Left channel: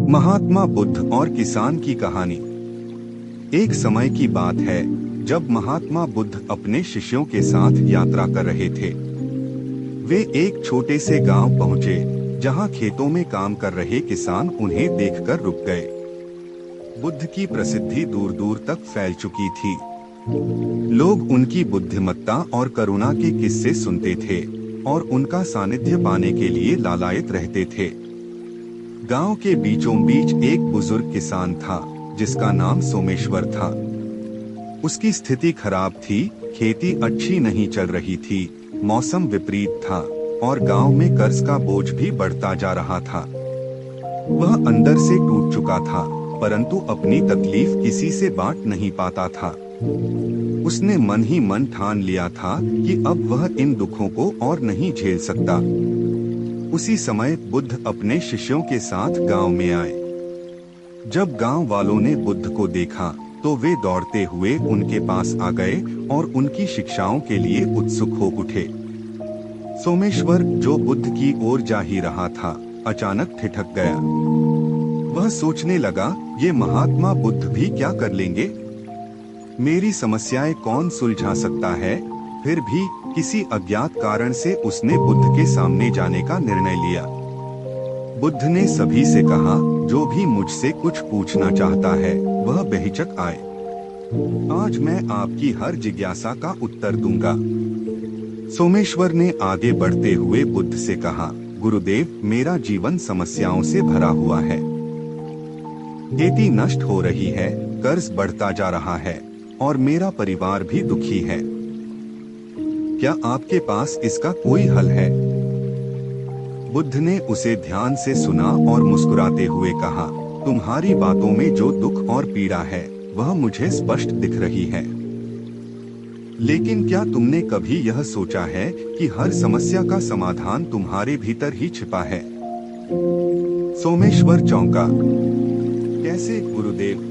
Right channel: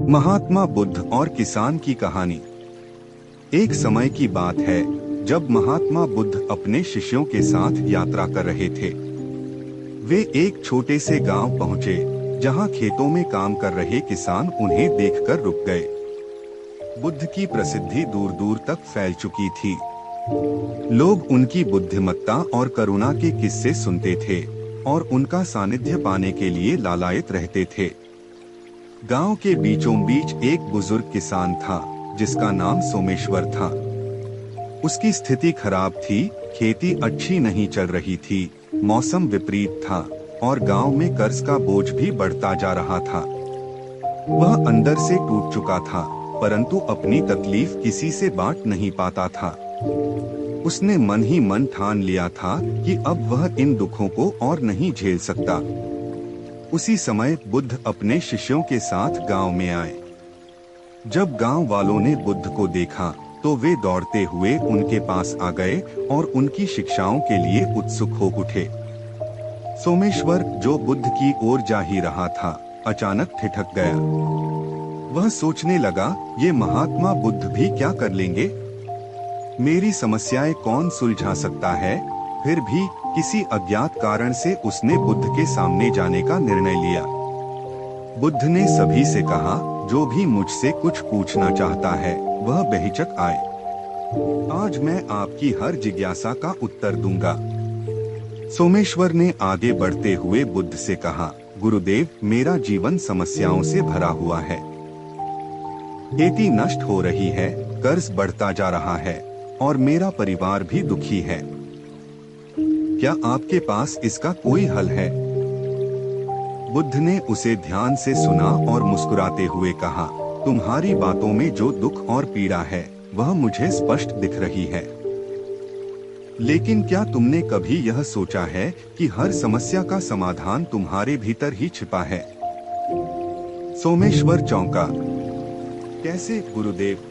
महात्मा बुद्ध और किसान की कहानी। एक समय की बात है जब महात्मा बुद्ध अपने शिष्यों के साथ यात्रा कर रहे थे। वे एक छोटे से गांव पहुंचे जहां खेतों में काम कर रहे किसान उन्हें देखकर रुक गए। बुद्ध की प्रसिद्धि दूर दूर तक फैल चुकी थी। लोग उनकी बुद्धिमत्ता और करुणा के किस्से सुनते थे और उनका सानिध्य पाने के लिए लालायित रहते थे। गांव के बीचों बीच एक बुजुर्ग किसान था जिसका नाम सोमेश्वर था। उसकी स्थिति खराब थी, खेती अच्छी नहीं चल रही थी, मौसम विपरीत था और गांव में कर्ज का बोझ भी बढ़ता जा रहा था। वह अंदर से टूट चुका था, परंतु अपनी तकलीफ किसी से बांट नहीं पाता था। उसने मन ही मन ठान लिया था कि अब वह इन दुखों को और नहीं झेल सकता। उसी समय बुद्ध अपने शिष्यों के साथ गांव में आए। जब गांव वालों ने बुद्ध को देखा तो वे दौड़ते हुए उनके पास आ गए और उनकी शिक्षाओं के लिए उत्सुक हो उठे। सोमेश्वर, जो बुद्ध की ओर जा ही रहा था, अचानक ठिठक गया। वह सोचने लगा, ये महात्मा बुद्ध भी क्या कर लेंगे? मेरी समस्याएं कौन सुलझा सकता है? फिर भी किसी अज्ञात कारण से उसने बुद्ध के सामने जाने का निर्णय लिया। बुद्ध ने सभी से कहा, जो भी मुझसे कुछ पूछना चाहता है वह बेहिचक आए। आज मैं आपकी हर जिज्ञासा का उत्तर दूंगा। सोमेश्वर ने आगे बढ़ते हुए बुद्ध से कहा, गुरुदेव, मेरा जीवन समस्याओं से भरा हुआ है। खेती नष्ट हो रही है, कर्ज बढ़ता जा रहा है और मेरा परिवार भी दुखी है। क्या आपके पास इसका कोई हल है? बुद्ध ने उसे ध्यान से सुना और मुस्कुराते हुए कहा, तुम्हारी बातों में जो दुख और पीड़ा है वह मुझे स्पष्ट दिख रही है। लेकिन क्या तुमने कभी यह सोचा है कि हर समस्या का समाधान तुम्हारे भीतर ही छिपा है? सोमेश्वर चौंका। कैसे गुरुदेव?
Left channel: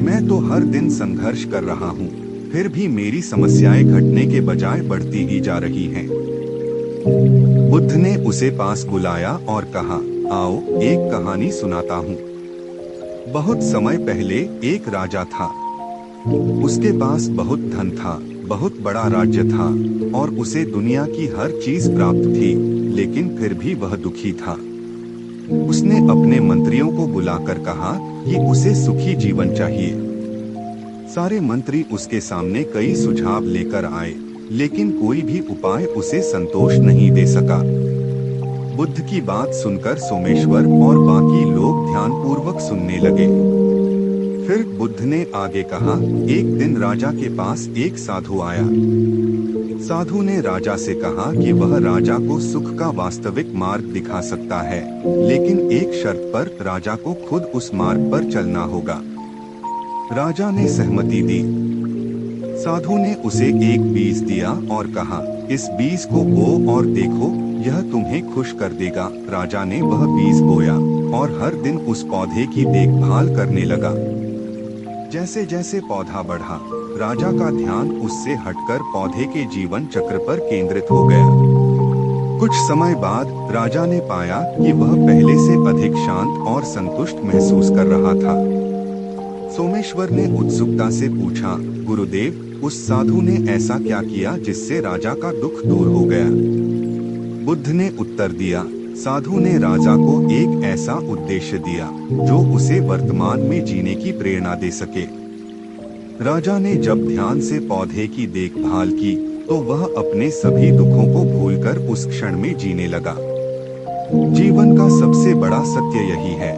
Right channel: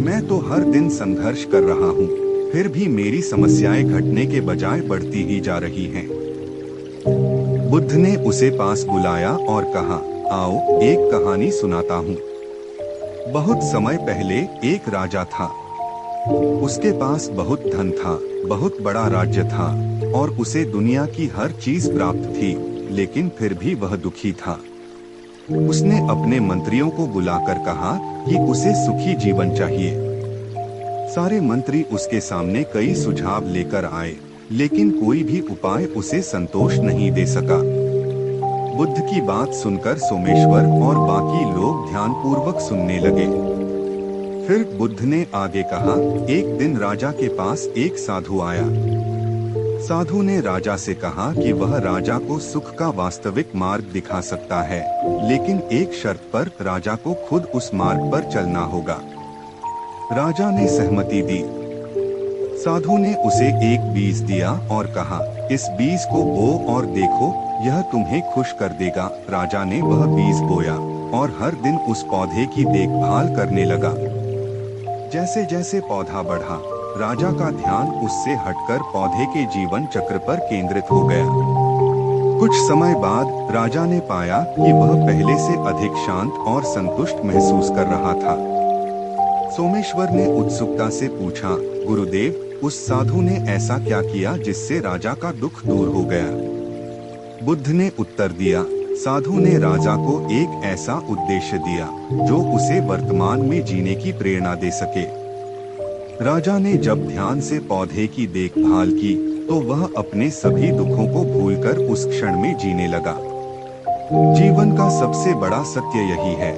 मैं तो हर दिन संघर्ष कर रहा हूँ, फिर भी मेरी समस्याएं घटने के बजाय बढ़ती ही जा रही हैं। बुद्ध ने उसे पास बुलाया और कहा, आओ एक कहानी सुनाता हूँ। बहुत समय पहले एक राजा था। उसके पास बहुत धन था, बहुत बड़ा राज्य था और उसे दुनिया की हर चीज प्राप्त थी, लेकिन फिर भी वह दुखी था। उसने अपने मंत्रियों को बुलाकर कहा कि उसे सुखी जीवन चाहिए। सारे मंत्री उसके सामने कई सुझाव लेकर आए, लेकिन कोई भी उपाय उसे संतोष नहीं दे सका। बुद्ध की बात सुनकर सोमेश्वर और बाकी लोग ध्यानपूर्वक सुनने लगे। फिर बुद्ध ने आगे कहा, एक दिन राजा के पास एक साधु आया। साधु ने राजा से कहा कि वह राजा को सुख का वास्तविक मार्ग दिखा सकता है, लेकिन एक शर्त पर राजा को खुद उस मार्ग पर चलना होगा। राजा ने सहमति दी। साधु ने उसे एक बीज दिया और कहा, इस बीज को बो और देखो, यह तुम्हें खुश कर देगा। राजा ने वह बीज बोया और हर दिन उस पौधे की देखभाल करने लगा। जैसे जैसे पौधा बढ़ा, राजा का ध्यान उससे हटकर पौधे के जीवन चक्र पर केंद्रित हो गया। कुछ समय बाद राजा ने पाया कि वह पहले से अधिक शांत और संतुष्ट महसूस कर रहा था। सोमेश्वर ने उत्सुकता से पूछा, गुरुदेव, उस साधु ने ऐसा क्या किया जिससे राजा का दुख दूर हो गया? बुद्ध ने उत्तर दिया, साधु ने राजा को एक ऐसा उद्देश्य दिया जो उसे वर्तमान में जीने की प्रेरणा दे सके। राजा ने जब ध्यान से पौधे की देखभाल की तो वह अपने सभी दुखों को भूलकर उस क्षण में जीने लगा। जीवन का सबसे बड़ा सत्य यही है,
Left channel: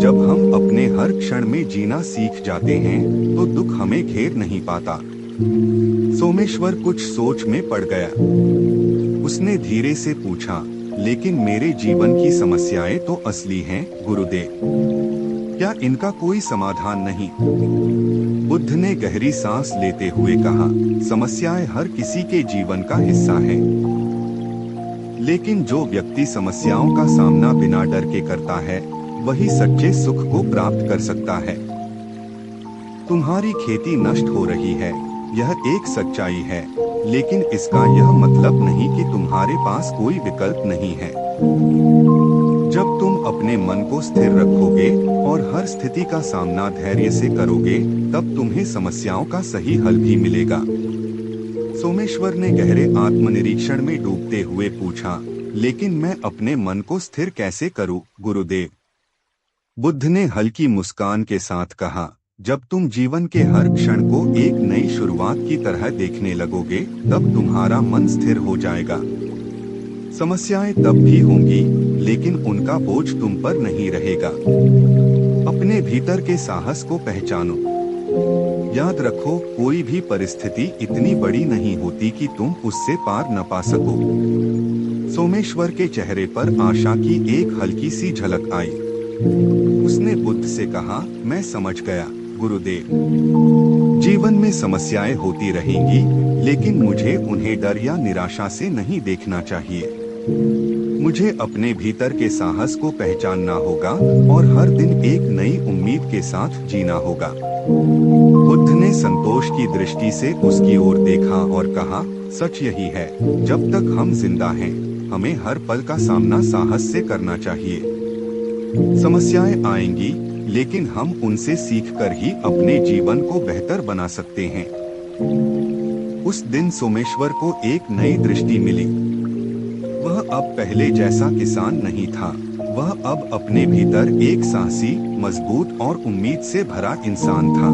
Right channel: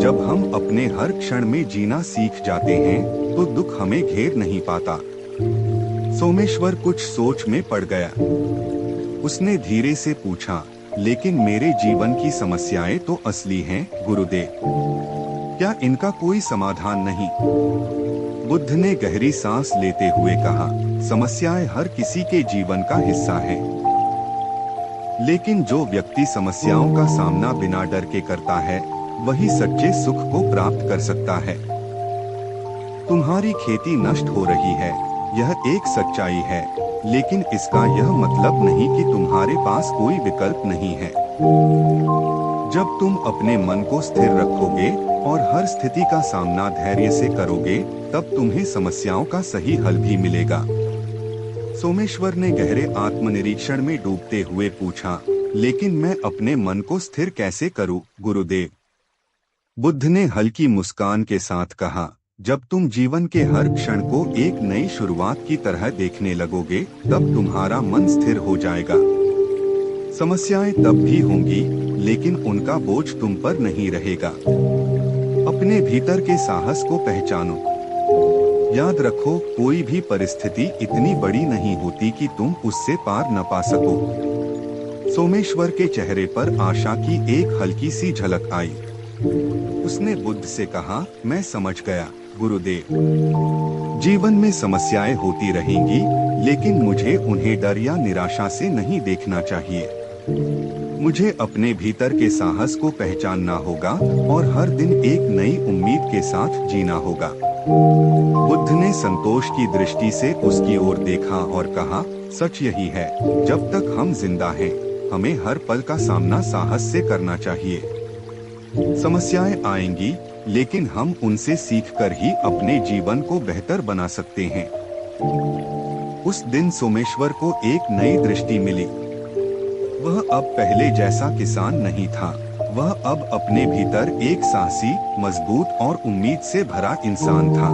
जब हम अपने हर क्षण में जीना सीख जाते हैं तो दुख हमें घेर नहीं पाता। सोमेश्वर कुछ सोच में पड़ गया। उसने धीरे से पूछा, लेकिन मेरे जीवन की समस्याएं तो असली हैं गुरुदेव, क्या इनका कोई समाधान नहीं? बुद्ध ने गहरी सांस लेते हुए कहा, समस्याएं हर किसी के जीवन का हिस्सा हैं। लेकिन जो व्यक्ति समस्याओं का सामना बिना डर के करता है वही सच्चे सुख को प्राप्त कर सकता है। तुम्हारी खेती नष्ट हो रही है, यह एक सच्चाई है, लेकिन इसका यह मतलब नहीं कि तुम्हारे पास कोई विकल्प नहीं है। जब तुम अपने मन को स्थिर रखोगे और हर स्थिति का सामना धैर्य से करोगे, तब तुम्हें समस्याओं का सही हल भी मिलेगा। सोमेश्वर ने गहरे आत्मनिरीक्षण में डूबते हुए पूछा, लेकिन मैं अपने मन को स्थिर कैसे करूं, गुरुदेव? बुद्ध ने हल्की मुस्कान के साथ कहा, जब तुम जीवन के हर क्षण को एक नई शुरुआत की तरह देखने लगोगे, तब तुम्हारा मन स्थिर हो जाएगा। समस्याएं तब भी होंगी, लेकिन उनका बोझ तुम पर नहीं रहेगा। अपने भीतर के साहस को पहचानो। याद रखो, कोई भी परिस्थिति इतनी बड़ी नहीं होती कि तुम उससे पार न पा सको। सोमेश्वर के चेहरे पर आशा की एक हल्की सी झलक आई। उसने बुद्ध से कहा, मैं समझ गया गुरुदेव। जीवन में समस्याएं होती रहेंगी, लेकिन मुझे उन्हें डर या निराशा से नहीं देखना चाहिए। मुझे अपने भीतर के साहस को पहचानना होगा और हर दिन एक नई उम्मीद के साथ जीना होगा। बुद्ध ने संतोष की दृष्टि से उसकी ओर देखा और कहा, सच यही है, जब तक हम जिंदा हैं, हमें हर पल का सामना साहस से करना चाहिए। समस्याएं आएंगी, लेकिन हम उनसे सीखकर ही अपने जीवन को बेहतर बना सकते हैं। उस दिन सोमेश्वर को एक नई दृष्टि मिली। वह अब पहले जैसा किसान नहीं था। वह अब अपने भीतर एक साहसी, मजबूत और उम्मीद से भरा इंसान था।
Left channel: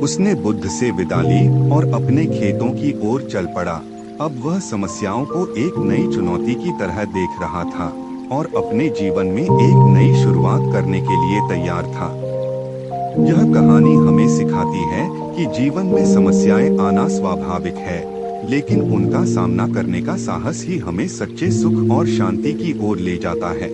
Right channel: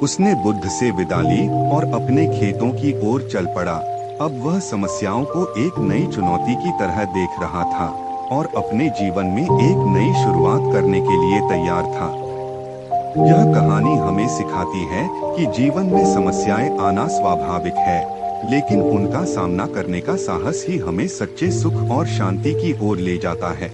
उसने बुद्ध से विदा ली और अपने खेतों की ओर चल पड़ा। अब वह समस्याओं को एक नई चुनौती की तरह देख रहा था और अपने जीवन में एक नई शुरुआत करने के लिए तैयार था। यह कहानी हमें सिखाती है कि जीवन में समस्याएं आना स्वाभाविक है, लेकिन उनका सामना करने का साहस ही हमें सच्चे सुख और शांति की ओर ले जाता है।